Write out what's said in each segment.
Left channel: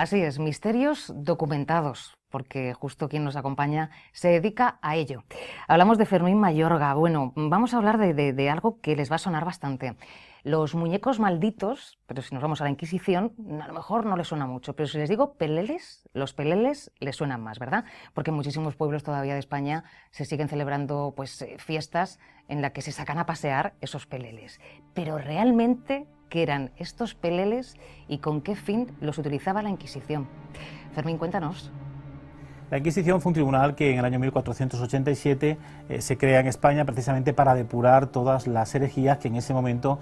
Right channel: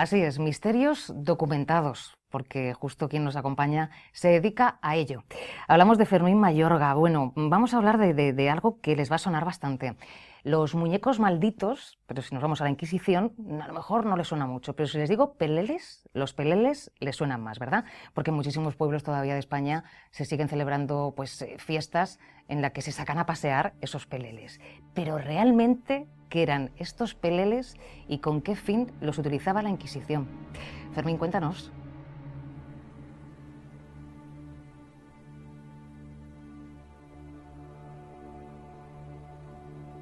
Así es, misterios documentados, porque justo quien nos acompaña se dedica a ello. Hablamos de Fermín Mayorga. Bueno, vamos a hablar de algo que les va a sonar bastante. Los muñecos malditos, pero si nos vamos a la Inquisición, a lo mejor no les suena mucho, pero si les digo peleles, los peleles les suenan más, ¿verdad? Porque en muchísimos pueblos todavía de España se siguen celebrando fiestas en las que se sacan a pasear esos peleles. Pero realmente, ¿qué eran estos peleles y con qué fin los utilizaba la Inquisición? Fermín, cuéntanos. La Inquisición fue un tribunal que en el año 1487 se crea en España precisamente para depurar todas las herejías que en ese momento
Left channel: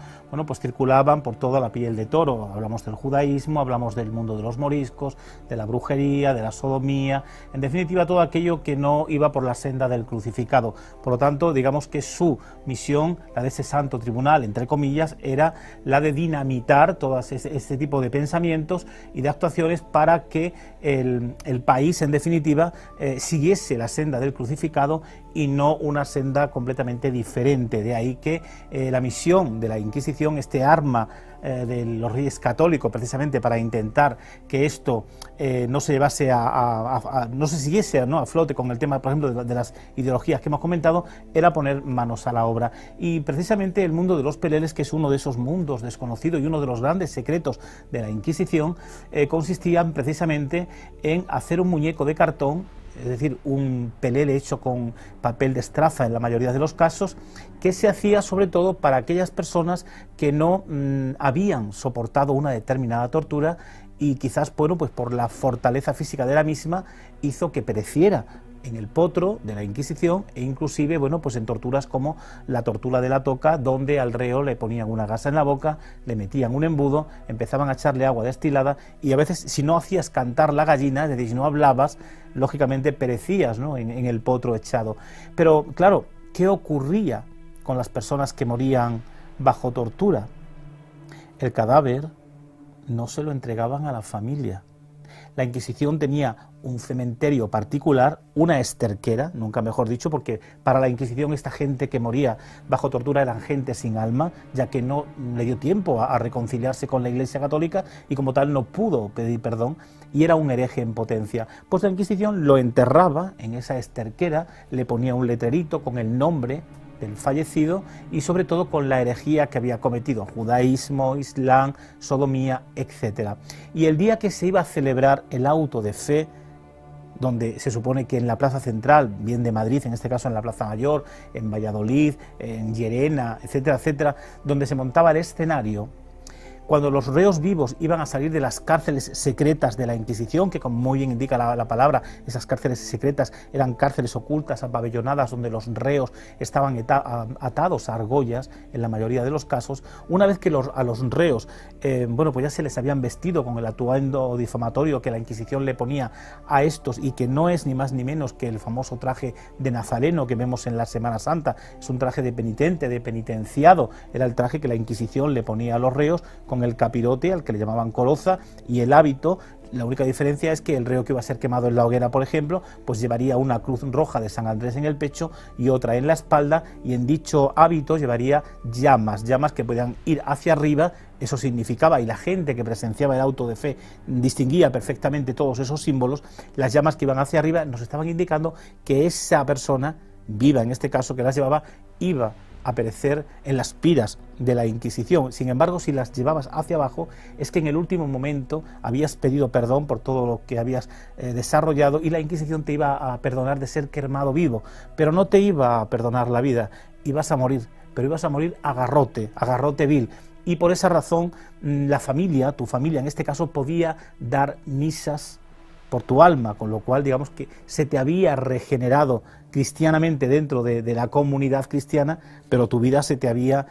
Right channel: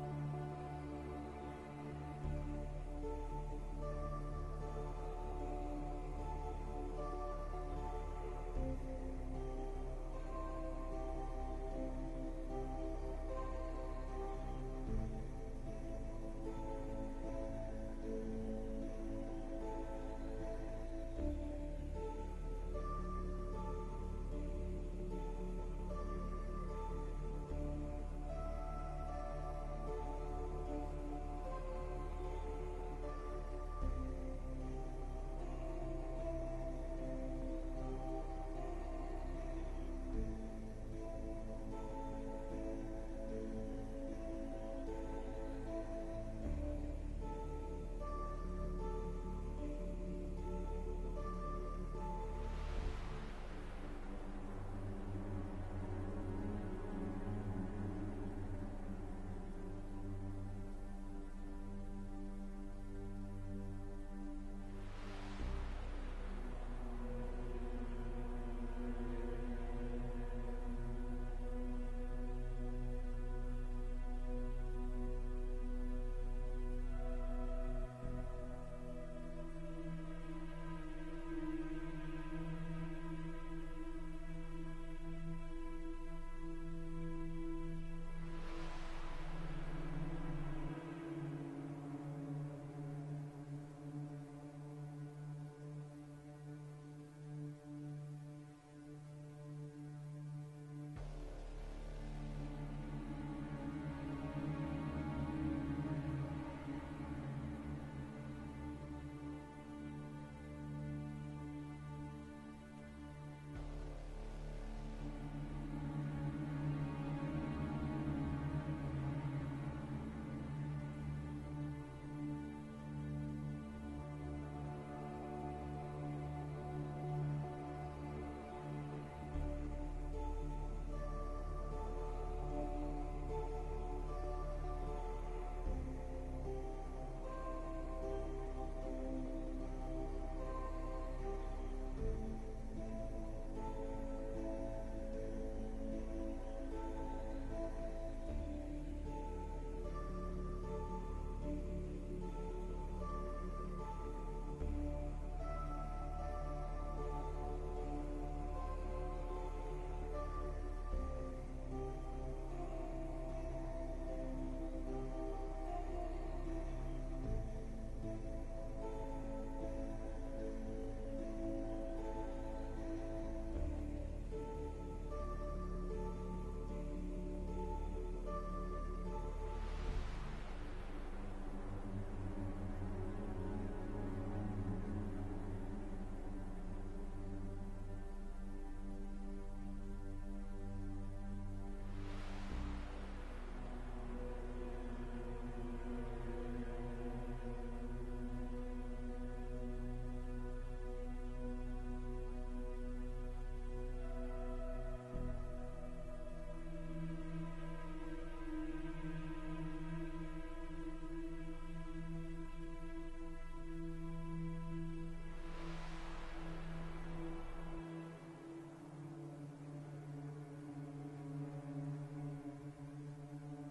pues circulaban por toda la piel de toro. Hablamos del judaísmo, hablamos del mundo de los moriscos, de la brujería, de la sodomía, en definitiva todo aquello que no iba por la senda del crucificado. Por lo tanto, digamos que su misión, la de ese santo tribunal, entre comillas, era la de dinamitar todo este tipo de pensamientos y de actuaciones para que el país, en definitiva, siguiese la senda del crucificado y no una senda completamente diferente. De ahí que la misión de la Inquisición, este arma de los reyes católicos, precisamente para intentar que esto no se llevase no se siguiese a flote con el tema, por ejemplo, de las ideologías que hemos comentado, era poner manos a la obra. Y precisamente el mundo de los peleles, que es uno de esos mundos desconocidos y uno de los grandes secretos de la Inquisición, consistía precisamente en hacer un muñeco de cartón, es decir, un pelele hecho con papel de estraza en la mayoría de los casos, que se hacía sobre todo para aquellas personas que no habían soportado una determinada tortura y quizás, pues por la fortaleza física de la misma, hizo que pereciera en el potro de la Inquisición e inclusive pues en torturas como la tortura de la toca, donde al reo le ponían una gasa en la boca, le metían un embudo, empezaban a echarle agua destilada y a veces, si no hacías cantar la gallina, es decir, si no hablabas, lógicamente perecías, ¿no?, en el potro echado. Pero claro, ¿qué ocurría con las personas que morían bajo tortura? El cadáver no se lo entregaban a la familia. La Inquisición tenía un cementerio particular, una esterquera, nunca mejor dicho, porque para la Inquisición esta gente que moría bajo tortura eran gente sin alma, ya que no le dio tiempo a reconciliarse con la Iglesia Católica y como tal no pudo pedir perdón y era un hereje en potencia. Pues la Inquisición lo enterraba en esa esterquera, le ponía un letrerito con el nombre del fallecido y sobre todo con la herejía que había cometido, judaísmo, islam, sodomía, etc. Y el día que se iba a celebrar el auto de fe, donde se supone que en la plaza central, bien de Madrid, en este caso en la Plaza Mayor, en Valladolid, en Llerena, etcétera, etcétera, donde se montaba el escenario, cuando los reos vivos iban a salir de las cárceles secretas de la Inquisición, que como muy bien indica la palabra, esas cárceles secretas eran cárceles ocultas, apabellonadas, donde los reos estaban atados a argollas, en la mayoría de los casos, una vez que a los reos, pues ya se les habían vestido con el atuendo difamatorio que la Inquisición le ponía a estos, y que no es ni más ni menos que el famoso traje de nazareno que vemos en la Semana Santa, es un traje de penitente, de penitenciado, era el traje que la Inquisición le ponía a los reos, con el capirote, al que le llamaban coroza, y el hábito. La única diferencia es que el reo que iba a ser quemado en la hoguera, por ejemplo, pues llevaría una cruz roja de San Andrés en el pecho y otra en la espalda, y en dicho hábito llevaría llamas que podían ir hacia arriba. Eso significaba, y la gente que presenciaba el auto de fe distinguía perfectamente todos esos símbolos, las llamas que iban hacia arriba nos estaban indicando que esa persona viva, en este caso, que las llevaba, iba a perecer en las piras de la Inquisición. Sin embargo, si las llevabas hacia abajo, es que en el último momento habías pedido perdón por todo lo que habías desarrollado, y la Inquisición te iba a perdonar de ser quemado vivo, pero no te iba a perdonar la vida, ibas a morir, pero ibas a morir a garrote vil. Y por esa razón la familia, tu familia en este caso, podía dar misas por tu alma, con lo cual digamos que se te había regenerado cristianamente dentro de la comunidad cristiana, pero tu vida se te había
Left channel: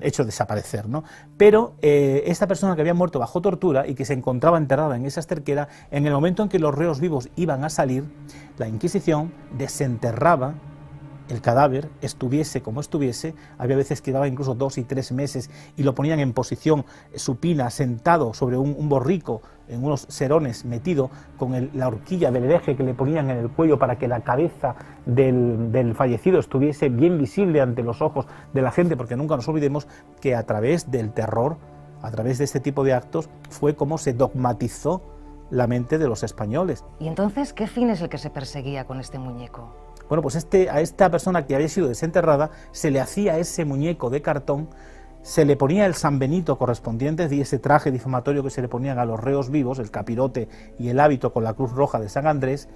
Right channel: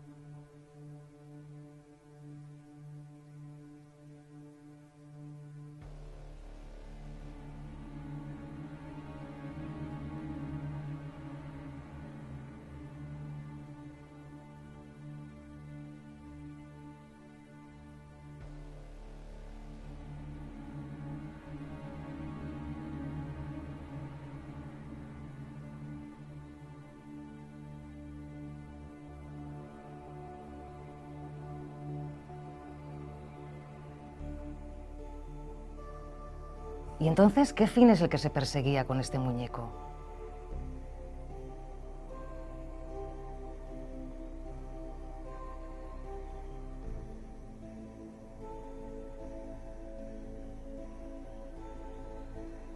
hecho desaparecer, ¿no? Pero esta persona que había muerto bajo tortura y que se encontraba enterrada en esa esterquera, en el momento en que los reos vivos iban a salir, la Inquisición desenterraba el cadáver, estuviese como estuviese. Había veces que llevaba incluso 2 y 3 meses y lo ponían en posición supina, sentado sobre un borrico, en unos serones, metido con la horquilla del hereje que le ponían en el cuello para que la cabeza del fallecido estuviese bien visible ante los ojos de la gente, porque nunca nos olvidemos que a través del terror, a través de este tipo de actos, fue como se dogmatizó la mente de los españoles. ¿Y entonces qué fin es el que se perseguía con este muñeco? Bueno, pues a esta persona que había sido desenterrada se le hacía ese muñeco de cartón, se le ponía el San Benito correspondiente y ese traje difamatorio que se le ponían a los reos vivos, el capirote y el hábito con la cruz roja de San Andrés,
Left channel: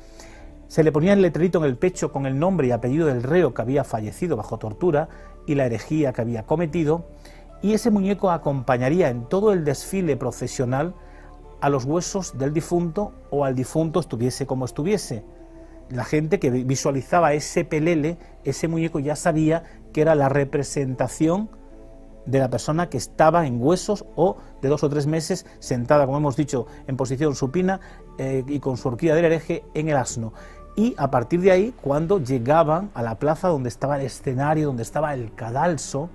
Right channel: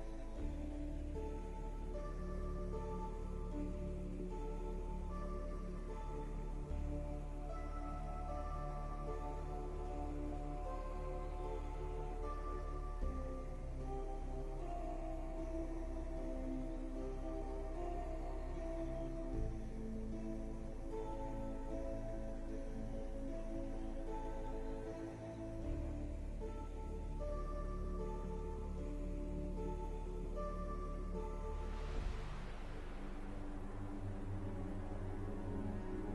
se le ponía el letrerito en el pecho con el nombre y apellido del reo que había fallecido bajo tortura y la herejía que había cometido, y ese muñeco acompañaría en todo el desfile procesional a los huesos del difunto o al difunto estuviese como estuviese. La gente que visualizaba ese pelele, ese muñeco, ya sabía que era la representación de la persona que estaba en huesos o de 2 o 3 meses sentada, como hemos dicho, en posición supina y con su horquilla del hereje en el asno. Y a partir de ahí, cuando llegaban a la plaza donde estaba el escenario, donde estaba el cadalso,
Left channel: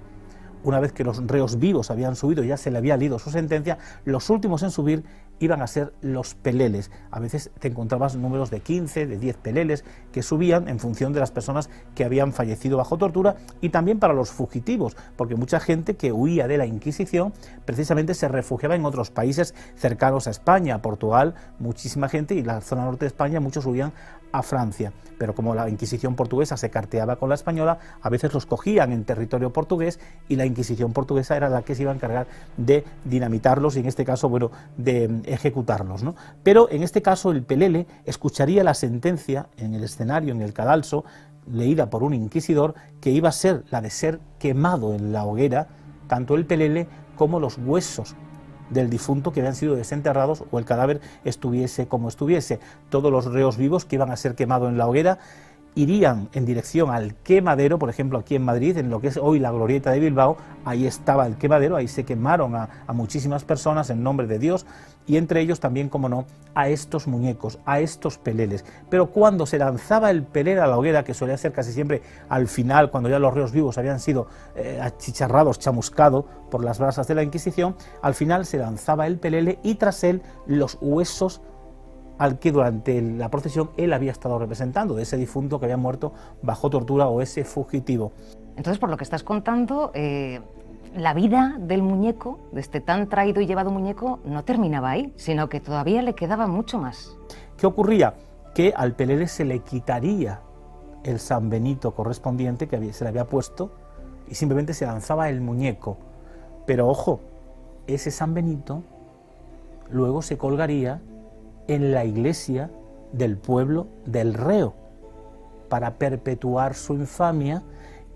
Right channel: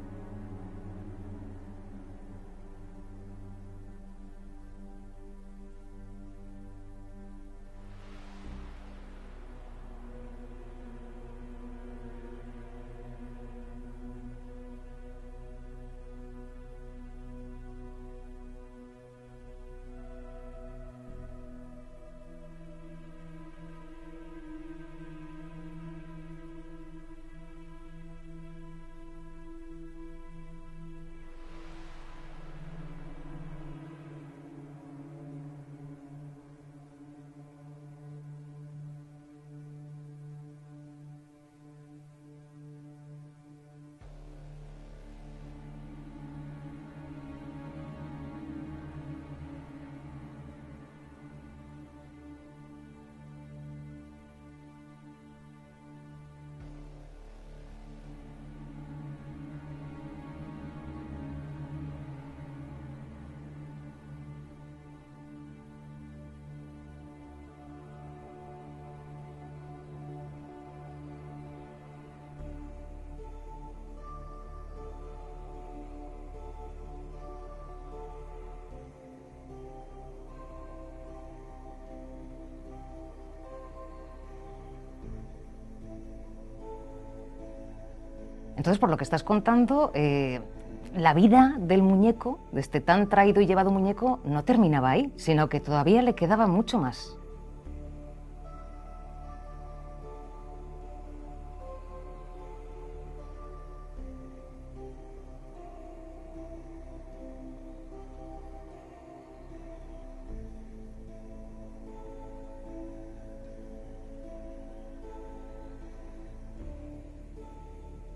una vez que los reos vivos habían subido y ya se le había leído su sentencia, los últimos en subir iban a ser los peleles. A veces te encontrabas números de 15, de 10 peleles que subían en función de las personas que habían fallecido bajo tortura, y también para los fugitivos, porque mucha gente que huía de la Inquisición precisamente se refugiaba en otros países cercanos a España, Portugal, muchísima gente, y la zona norte de España muchos huían a Francia, pero como la Inquisición portuguesa se carteaba con la española, a veces los cogían en territorio portugués y la Inquisición portuguesa era la que se iba a encargar de dinamitarlos y en este caso, bueno, de ejecutarlos, ¿no? Pero en este caso el pelele escucharía la sentencia en el escenario, en el cadalso, leída por un inquisidor, que iba a ser la de ser quemado en la hoguera, tanto el pelele como los huesos del difunto que habían sido desenterrados o el cadáver estuviese como estuviese. Todos los reos vivos que iban a ser quemados en la hoguera irían en dirección al quemadero. Por ejemplo, aquí en Madrid, en lo que es hoy la Glorieta de Bilbao, ahí estaba el quemadero, ahí se quemaron a muchísimas personas en nombre de Dios, y entre ellos también, como no, a estos muñecos, a estos peleles. Pero cuando se lanzaba el pelele a la hoguera, que solía ser casi siempre al final, cuando ya los reos vivos habían sido achicharrados, chamuscados por las brasas de la Inquisición, al final se lanzaba el pelele y tras él los huesos al que durante la procesión él había estado representando, de ese difunto que había muerto bajo tortura o ese fugitivo. Entonces, por lo que estás contando, la vida del muñeco, de este tan traído y llevado muñeco, no terminaba ahí, sino que todavía le quedaba mucho más. ¿Qué ocurría? Que al pelele se le quitaría el San Benito correspondiente que se le había puesto y simplemente se lanzaba el muñeco. Pero ojo, ese San Benito luego se colgaría en la iglesia del pueblo del reo para perpetuar su infamia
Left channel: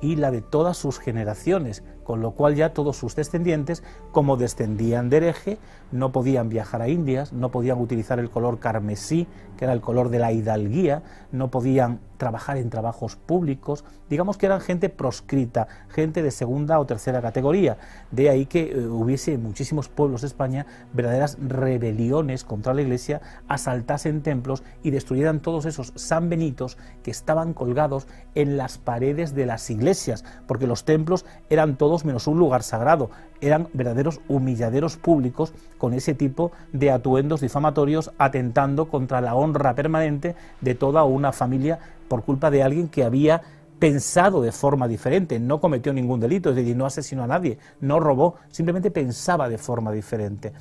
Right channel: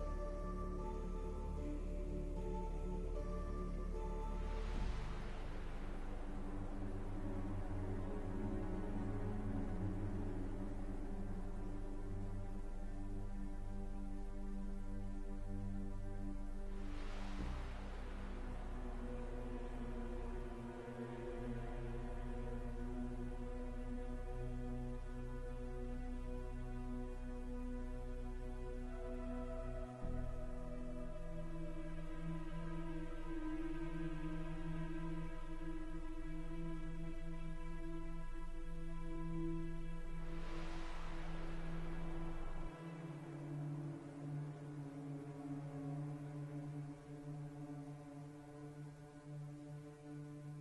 y la de todas sus generaciones, con lo cual ya todos sus descendientes, como descendían de hereje, no podían viajar a Indias, no podían utilizar el color carmesí, que era el color de la hidalguía, no podían trabajar en trabajos públicos, digamos que eran gente proscrita, gente de segunda o tercera categoría. De ahí que hubiese en muchísimos pueblos de España verdaderas rebeliones contra la Iglesia, asaltasen templos y destruyeran todos esos San Benitos que estaban colgados en las paredes de las iglesias, porque los templos eran todos menos un lugar sagrado, eran verdaderos humilladeros públicos con ese tipo de atuendos difamatorios, atentando contra la honra permanente de toda una familia por culpa de alguien que había pensado de forma diferente, no cometió ningún delito, es decir, no asesinó a nadie, no robó, simplemente pensaba de forma diferente.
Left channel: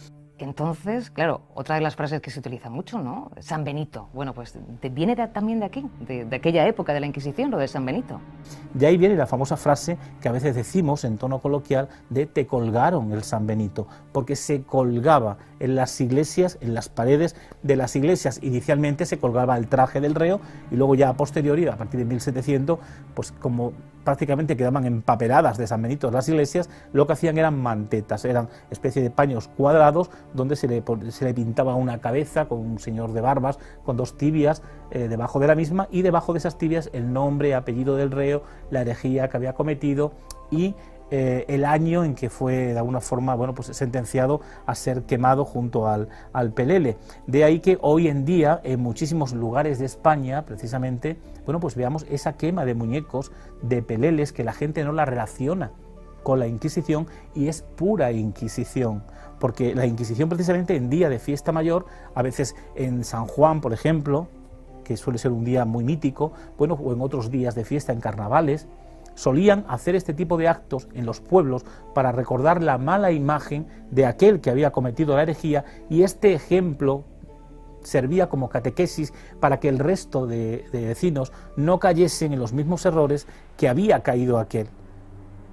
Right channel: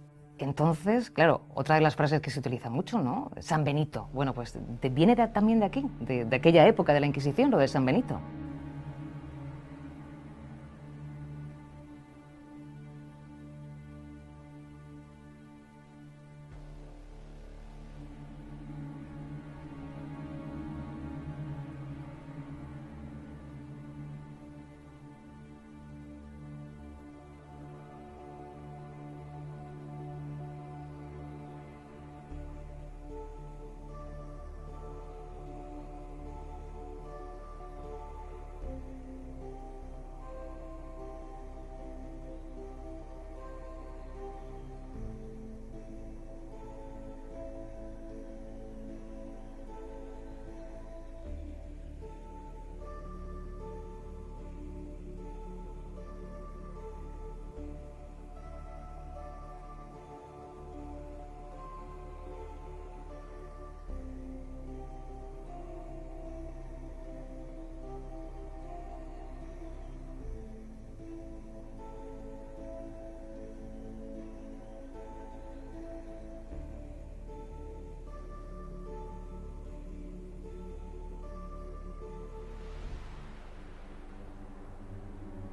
Entonces, claro, otra de las frases que se utiliza mucho, ¿no? San Benito. Bueno, pues viene también de aquí, de aquella época de la Inquisición, lo de San Benito. De ahí viene la famosa frase que a veces decimos en tono coloquial de te colgaron el San Benito, porque se colgaba en las iglesias, en las paredes de las iglesias. Inicialmente se colgaba el traje del reo y luego ya a posteriori, a partir de 1700, pues como prácticamente quedaban empapeladas de San Benito las iglesias, lo que hacían eran mantetas, eran especie de paños cuadrados donde se le pintaba una cabeza con un señor de barbas, con 2 tibias debajo de la misma, y debajo de esas tibias el nombre, apellido del reo, la herejía que había cometido y el año en que fue de alguna forma, bueno, pues sentenciado a ser quemado junto al pelele. De ahí que hoy en día en muchísimos lugares de España, precisamente, bueno, pues veamos esa quema de muñecos, de peleles, que la gente no la relaciona con la Inquisición y es pura Inquisición, porque la Inquisición precisamente en día de fiesta mayor, a veces en San Juan, por ejemplo, que suele ser un día muy mítico, bueno, o en otros días de fiesta, en carnavales, solían hacer este tipo de actos en los pueblos para recordar la mala imagen de aquel que había cometido la herejía, y este ejemplo servía como catequesis para que el resto de vecinos no cayesen en los mismos errores que había caído aquel.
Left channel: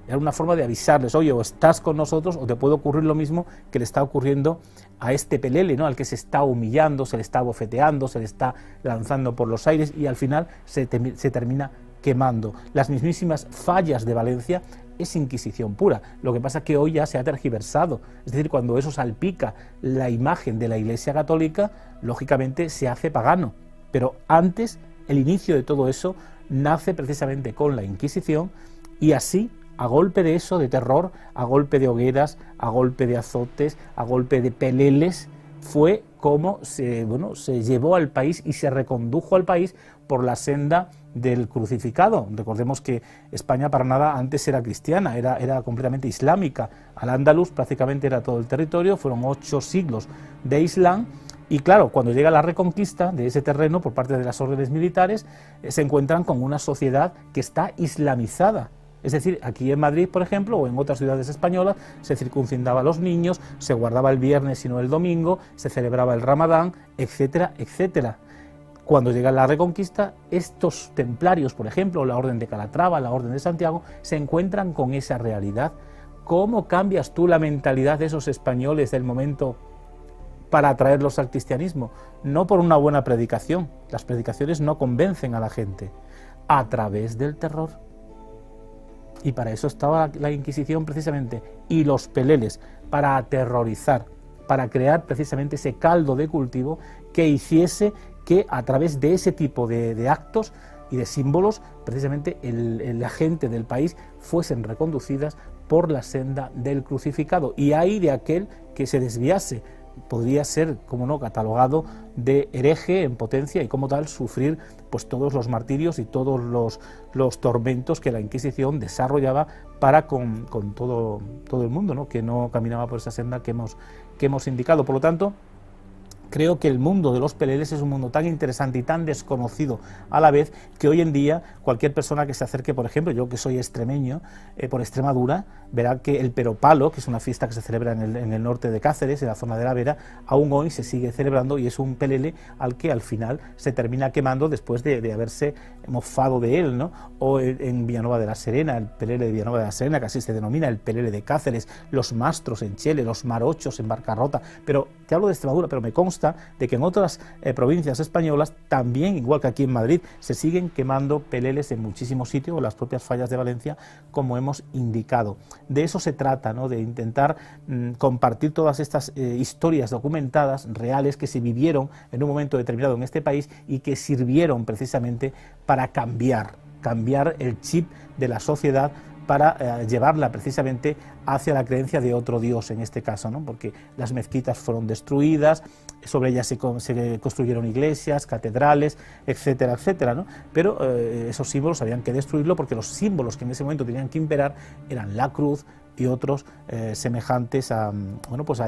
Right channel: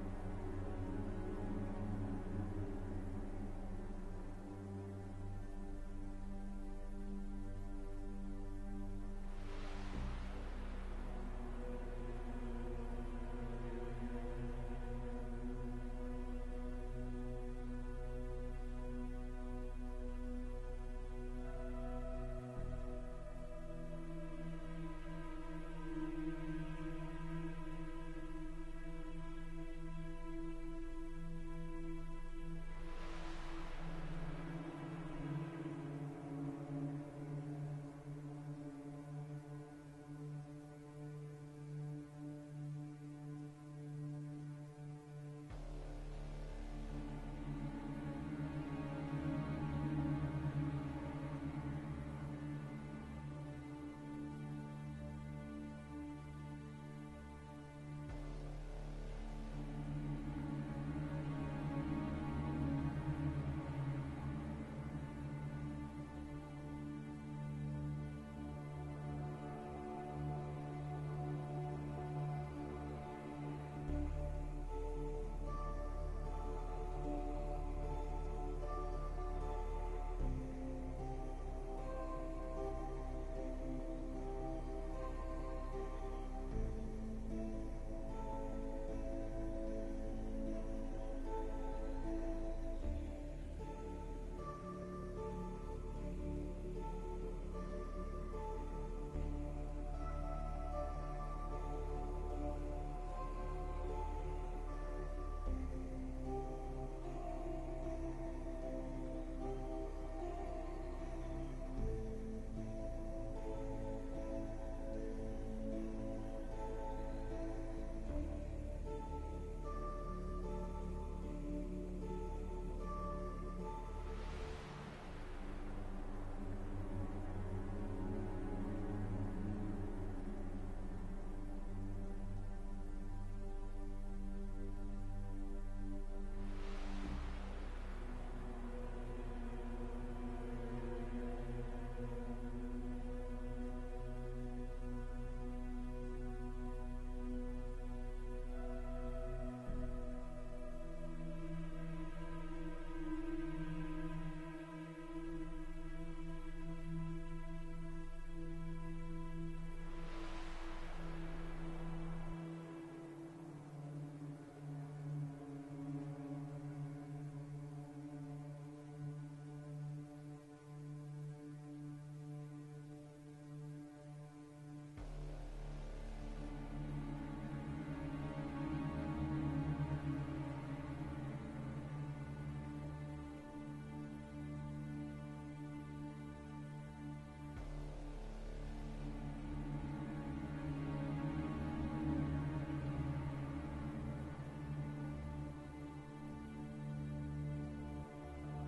Era una forma de avisarles, oye, o estás con nosotros o te puede ocurrir lo mismo que le está ocurriendo a este pelele, ¿no? Al que se está humillando, se le está bofeteando, se le está lanzando por los aires y al final se termina quemando. Las mismísimas fallas de Valencia es Inquisición pura. Lo que pasa es que hoy ya se ha tergiversado. Es decir, cuando eso salpica la imagen de la Iglesia Católica, lógicamente se hace pagano. Pero antes, el inicio de todo eso nace precisamente con la Inquisición y así, a golpe de eso, de terror, a golpe de hogueras, a golpe de azotes, a golpe de peleles, fue como se llevó al país y se recondujo al país por la senda del crucificado. Recordemos que España para nada antes era cristiana, era completamente islámica. Al-Ándalus prácticamente era todo el territorio, fueron 8 siglos de Islam. Y claro, cuando llega la reconquista de ese terreno por parte de las órdenes militares, se encuentran con una sociedad que está islamizada. Es decir, aquí en Madrid, por ejemplo, o en otras ciudades españolas, se circuncidaba a los niños, se guardaba el viernes y no el domingo, se celebraba el Ramadán, etcétera, etcétera. Cuando llega la Reconquista, estos templarios, por ejemplo, la Orden de Calatrava, la Orden de Santiago, se encuentran con esa realidad. ¿Cómo cambias tú la mentalidad de esos españoles del momento para atraerlos al cristianismo? No por una buena predicación, las predicaciones no convencen a la gente, a través del terror. Y para eso estaba la Inquisición precisamente, y los peleles, para aterrorizar, para crear precisamente ese caldo de cultivo que hiciese que a través de ese tipo de actos y de símbolos, precisamente la gente del país fuesen reconducidas por la senda del crucificado. Y ahí de aquel que se desviase, podría ser, como no, catalogado de hereje en potencia y como tal sufrir pues todos los martirios y todos los tormentos que la Inquisición desarrollaba para con todo el mundo, ¿no? Que no caminaba por esa senda que hemos indicado. Por lo tanto, creo que el mundo de los peleles es un mundo tan interesante y tan desconocido a la vez que hoy en día cualquier persona que se acerque, por ejemplo, yo que soy extremeño, por Extremadura, verá que el Peropalo, que es una fiesta que se celebra en el norte de Cáceres, en la zona de la Vera, aún hoy se sigue celebrando y es un pelele al que al final se termina quemando después de haberse mofado de él, ¿no? O en Villanueva de la Serena, el pelele de Villanueva de la Serena, que así se denomina, el pelele de Cáceres, los mastros en Chele, los marochos en Barcarrota, pero te hablo de Extremadura, pero me consta de que en otras provincias españolas también, igual que aquí en Madrid, se siguen quemando peleles en muchísimos sitios, o las propias fallas de Valencia, como hemos indicado. De eso se trata, ¿no? De intentar compartir todas estas historias documentadas, reales, que se vivieron en un momento determinado en este país y que sirvieron precisamente para cambiar el chip de la sociedad, para llevarla precisamente hacia la creencia de otro Dios en este caso, ¿no? Porque las mezquitas fueron destruidas, sobre ellas se construyeron iglesias, catedrales, etcétera, etcétera, ¿no? Pero esos símbolos habían que destruirlo porque los símbolos que en ese momento tenían que imperar eran la cruz y otros semejantes a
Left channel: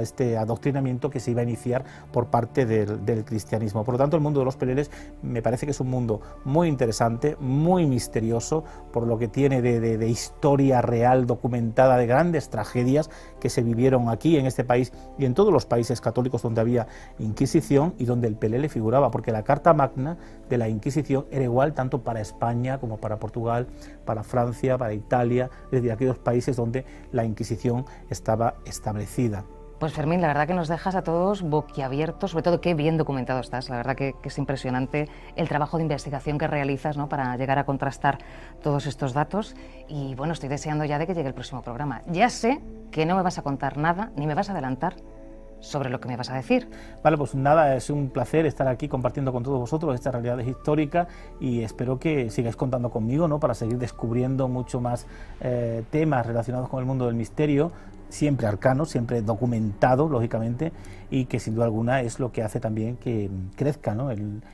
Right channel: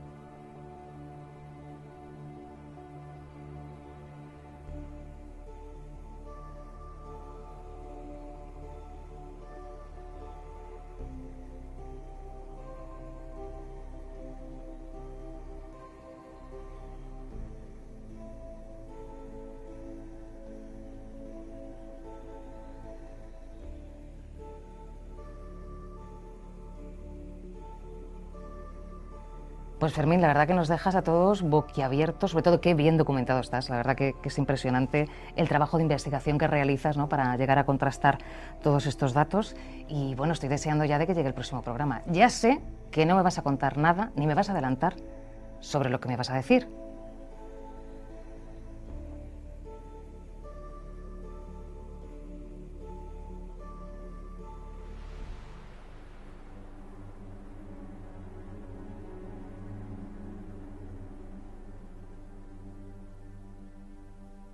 este adoctrinamiento que se iba a iniciar por parte del cristianismo. Por lo tanto, el mundo de los peleles me parece que es un mundo muy interesante, muy misterioso, por lo que tiene de historia real documentada, de grandes tragedias que se vivieron aquí en este país y en todos los países católicos donde había Inquisición y donde el pelele figuraba, porque la Carta Magna de la Inquisición era igual tanto para España como para Portugal, para Francia, para Italia, desde aquellos países donde la Inquisición estaba establecida. Pues Fermín, la verdad que nos dejas a todos boquiabiertos, sobre todo qué bien documentado estás, la verdad que es impresionante el trabajo de investigación que realizas, ¿no?, para llegar a contrastar todos estos datos y bueno, estoy deseando ya de que llegue el próximo programa. Ya sé que no me vas a contar nada, ni me vas a adelantar sobre lo que me vas a decir. Vale, pues nada, es un placer estar aquí compartiendo con todos vosotros esta realidad histórica y espero que sigáis contando conmigo, ¿no?, para seguir descubriendo mucho más temas relacionados con el mundo del misterio, siempre arcano, siempre documentado, lógicamente, y que sin duda alguna es lo que hace también que crezca, ¿no?,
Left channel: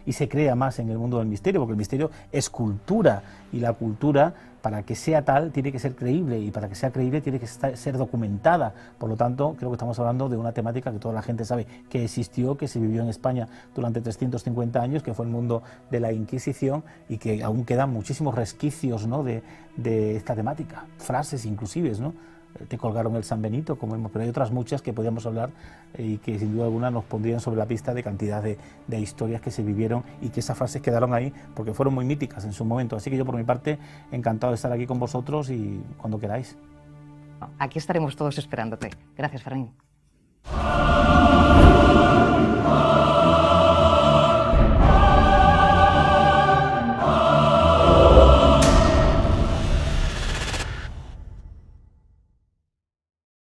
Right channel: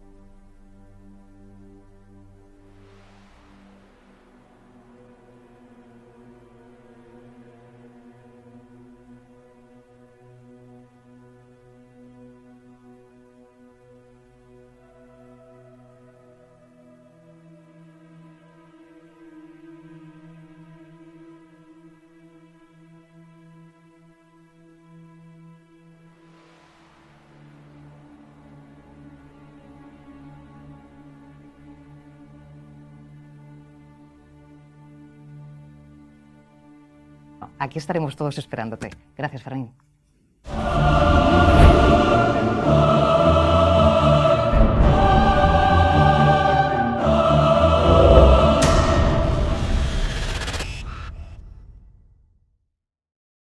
y se crea más en el mundo del misterio, porque el misterio es cultura, y la cultura, para que sea tal, tiene que ser creíble, y para que sea creíble tiene que ser documentada. Por lo tanto, creo que estamos hablando de una temática que toda la gente sabe que existió, que se vivió en España durante 350 años, que fue el mundo de la Inquisición, y que aún quedan muchísimos resquicios, ¿no?, de esta temática, frases inclusive, ¿no?, te colgaron el San Benito, pero hay otras muchas que podríamos hablar y que sin duda alguna nos pondrían sobre la pista de cantidad de historias que se vivieron y que esas frases quedaron ahí porque fueron muy míticas en su momento. Así que yo por mi parte encantado de estar aquí con vosotros y cuando queráis. Aquí estaremos todos esperándote. Gracias, Fermín.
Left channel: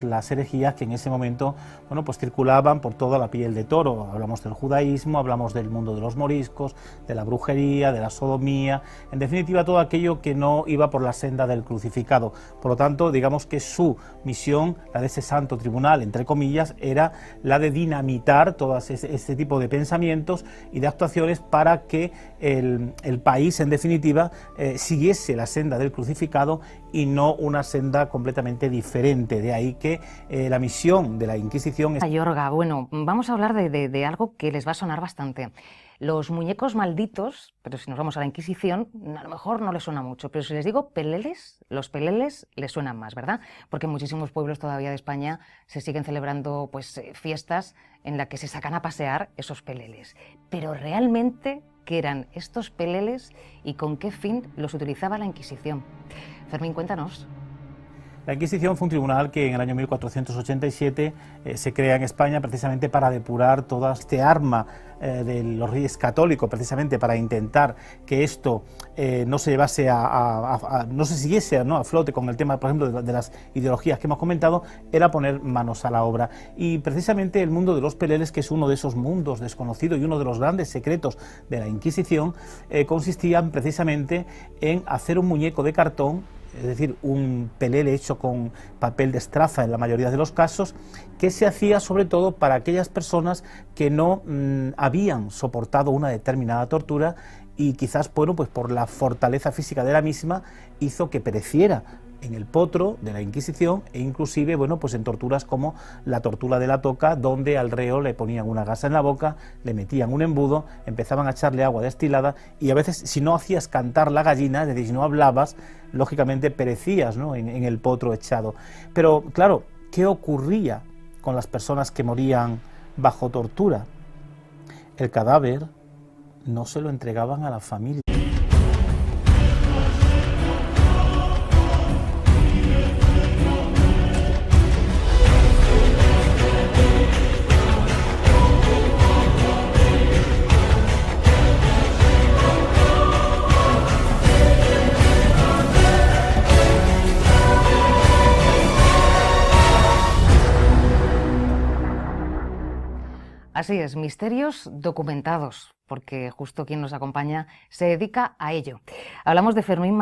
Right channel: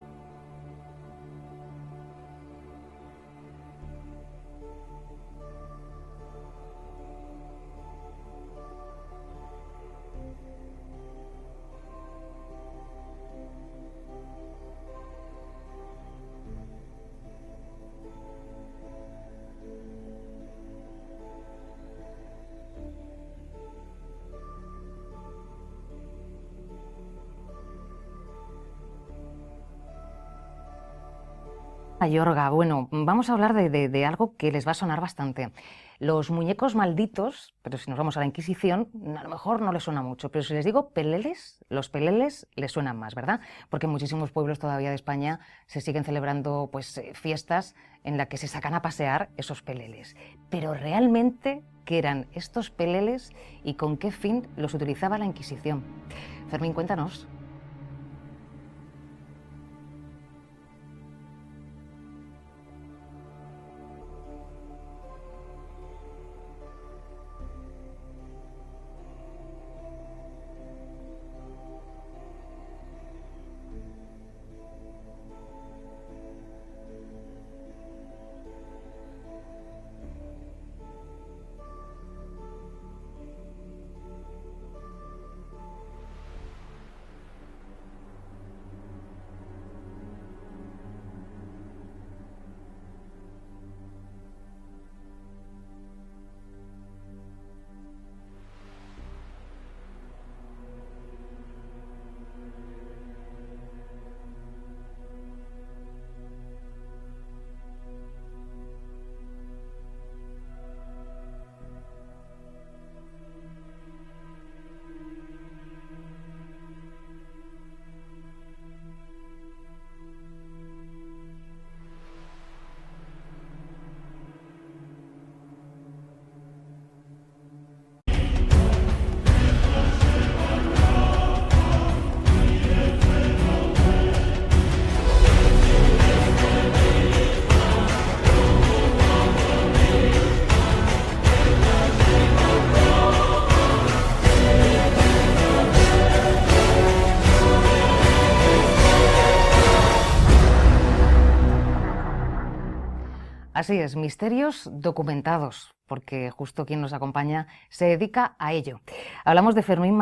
Las herejías que en ese momento, bueno, pues circulaban por toda la piel de toro. Hablamos del judaísmo, hablamos del mundo de los moriscos, de la brujería, de la sodomía, en definitiva todo aquello que no iba por la senda del crucificado. Por lo tanto, digamos que su misión, la de ese santo tribunal, entre comillas, era la de dinamitar todo este tipo de pensamientos y de actuaciones para que el país, en definitiva, siguiese la senda del crucificado y no una senda completamente diferente. De ahí que la misión de la Inquisición es... Mayorga, bueno, vamos a hablar de algo que les va a sonar bastante. Los muñecos malditos, pero si nos vamos a la Inquisición, a lo mejor no les suena mucho, pero si les digo peleles, los peleles les suenan más, ¿verdad? Porque en muchísimos pueblos todavía de España se siguen celebrando pues, fiestas en las que se sacan a pasear esos peleles. Pero realmente, ¿qué eran estos peleles y con qué fin los utilizaba la Inquisición? Fermín, cuéntanos. La Inquisición fue un tribunal que en el año 1487 se crea en España precisamente para depurar toda este arma de los reyes católicos, precisamente para intentar que esto no se llevase no se siguiese a flote con el tema, por ejemplo, de las ideologías que hemos comentado, era poner manos a la obra. Y precisamente el mundo de los peleles, que es uno de esos mundos desconocidos y uno de los grandes secretos de la Inquisición, consistían precisamente en hacer un muñeco de cartón, es decir, un pelele hecho con papel de estraza en la mayoría de los casos, que se hacía sobre todo para aquellas personas que no habían soportado una determinada tortura y quizás, bueno, pues por la fortaleza física de la misma hizo que pereciera en el potro de la Inquisición e inclusive, bueno, pues en torturas como la tortura de la toca, donde al reo le ponían una gasa en la boca, le metían un embudo, empezaban a echarle agua destilada y a veces si no hacías cantar la gallina, es decir, si no hablabas, lógicamente perecías, ¿no?, en el potro echado. Pero claro, ¿qué ocurría con las personas que morían bajo tortura? El cadáver no se lo entregaban a la familia. Así es, misterios documentados, porque justo quien nos acompaña se dedica a ello. Hablamos de Fermín